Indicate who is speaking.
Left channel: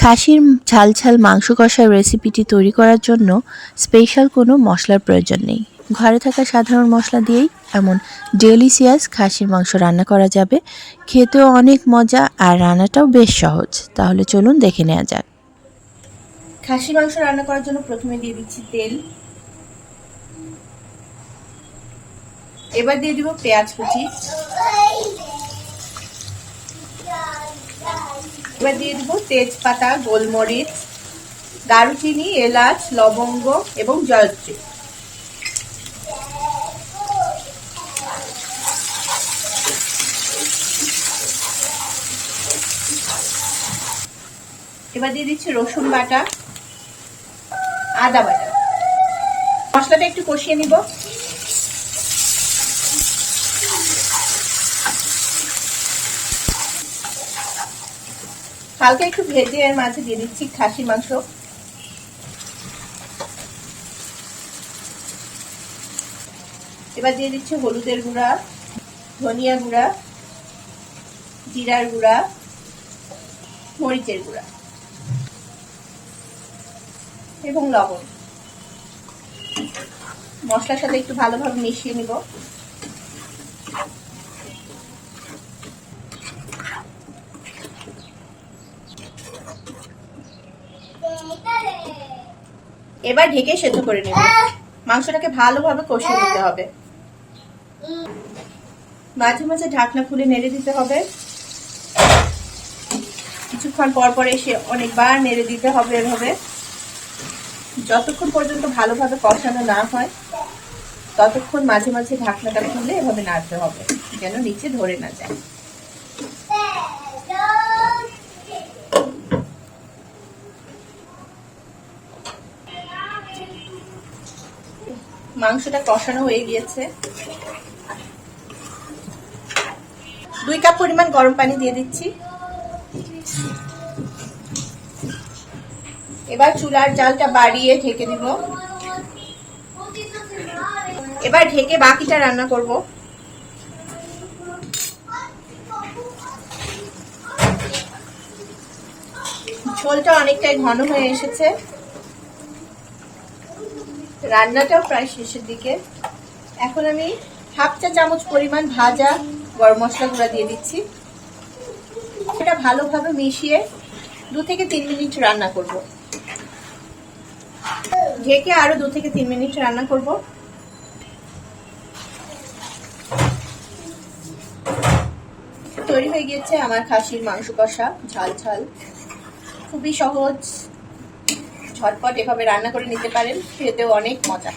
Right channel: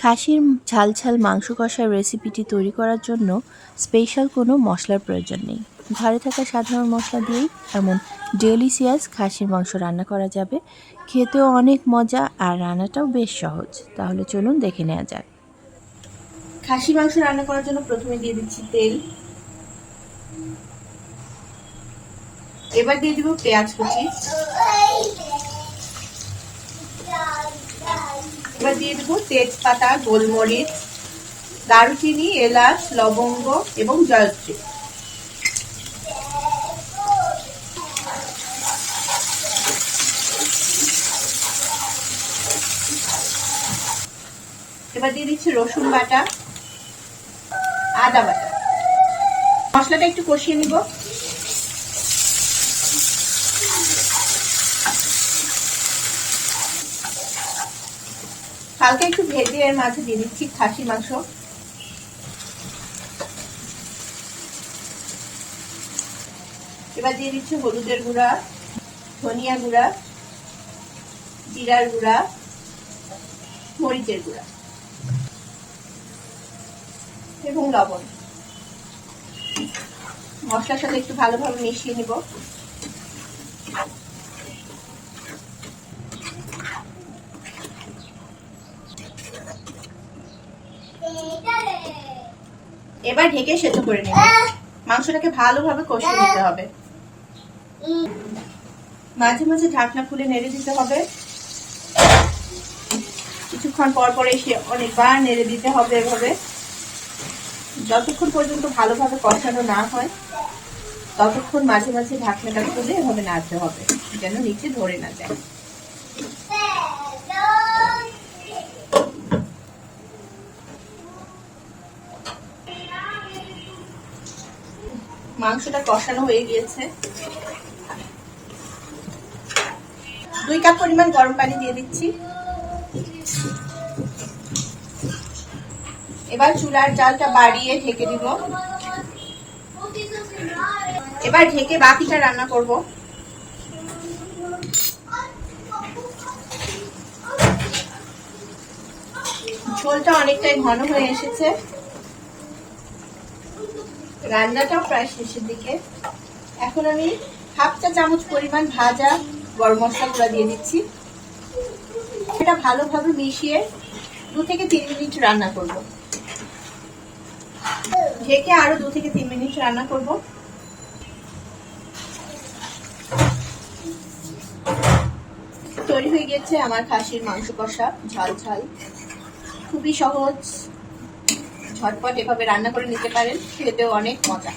Speaker 1: খাসির ঝাল ঝাল মাংস কষার রেসিপিটি তৈরি করার জন্য স্পেশাল কোনো মশলার প্রয়োজন নেই। ঘরে থাকা সাধারণ মশলা দিয়েই এমন ডেলিসিয়াস খাসির মাংস রান্না করা যাবে। খেতেও অনেক মজা আর রান্নাটাও বেশ সহজ। তাহলে চলুন দেখে নেওয়া যাক।
Speaker 2: খাসি মাংস রান্না করার জন্য প্রথমে দিয়ে দিচ্ছি তেল। এবার দিয়ে দিব পেঁয়াজ কুচি। এবার দিয়ে দিব তেজপাতা, গোলমরিচ, দারুচিনি, এলাচ, লবঙ্গ এবং জয়ত্রী। এবার দিয়ে দিচ্ছি রসুন বাটা, আদা বাটা। মশলাটা একটু কষিয়ে নিব। হালকা একটু ভেজে এর মাঝে দিয়ে দিচ্ছি খাসি মাংস। এবার দিয়ে দিচ্ছি হলুদের গুঁড়া, ধনিয়া গুঁড়া, জিরার গুঁড়া, মরিচের গুঁড়া এবং লবণ। মশলার সাথে একটু ভালোভাবে মিশিয়ে নিব। এবার ঢেকে সেদ্ধ করে নেব। মাংসটাকে ভালোভাবে কষিয়ে নিতে হবে। মাঝে মাঝে ঢাকনা খুলে নেড়ে দিতে হবে। কিছুক্ষণ পর পর এসে অনেকবার নেড়ে দিতে হবে এভাবে। যতক্ষণ পর্যন্ত ভালোভাবে কষানো না হয়, ততক্ষণ মাঝে মাঝে ঢাকনাটা খুলে এভাবে নাড়তে হবে, যেন নিচে ধরে না যায়। মাংসটা কষানো হয়ে গিয়েছে। দুই কাপ পরিমাণ গরম পানি দিয়ে দিচ্ছি। এবার চুলার জালটা বাড়িয়ে ঢেকে দিব। এবার ঢেকে বাকিটা রান্না করব। ঝোলটা অনেকটাই ঘন হয়ে এসেছে। রান্নাটাও প্রায় শেষের দিকে। এখন আমি হাফ চা চামচ পরিমাণ ভাজা গরম মশলা গুঁড়া দিয়ে দিচ্ছি। এটা ভালোভাবে মিশিয়ে দু থেকে তিন মিনিট রান্না করব। ঢেকে আরও দু থেকে তিন মিনিট রান্না করব। তৈরি হয়ে গিয়েছে আমার খাসির মাংস কষা, ঝাল ঝাল। খুবই সহজ। ঝটপট এভাবে রান্না করে নিতে পারেন খেতেও অনেক মজা।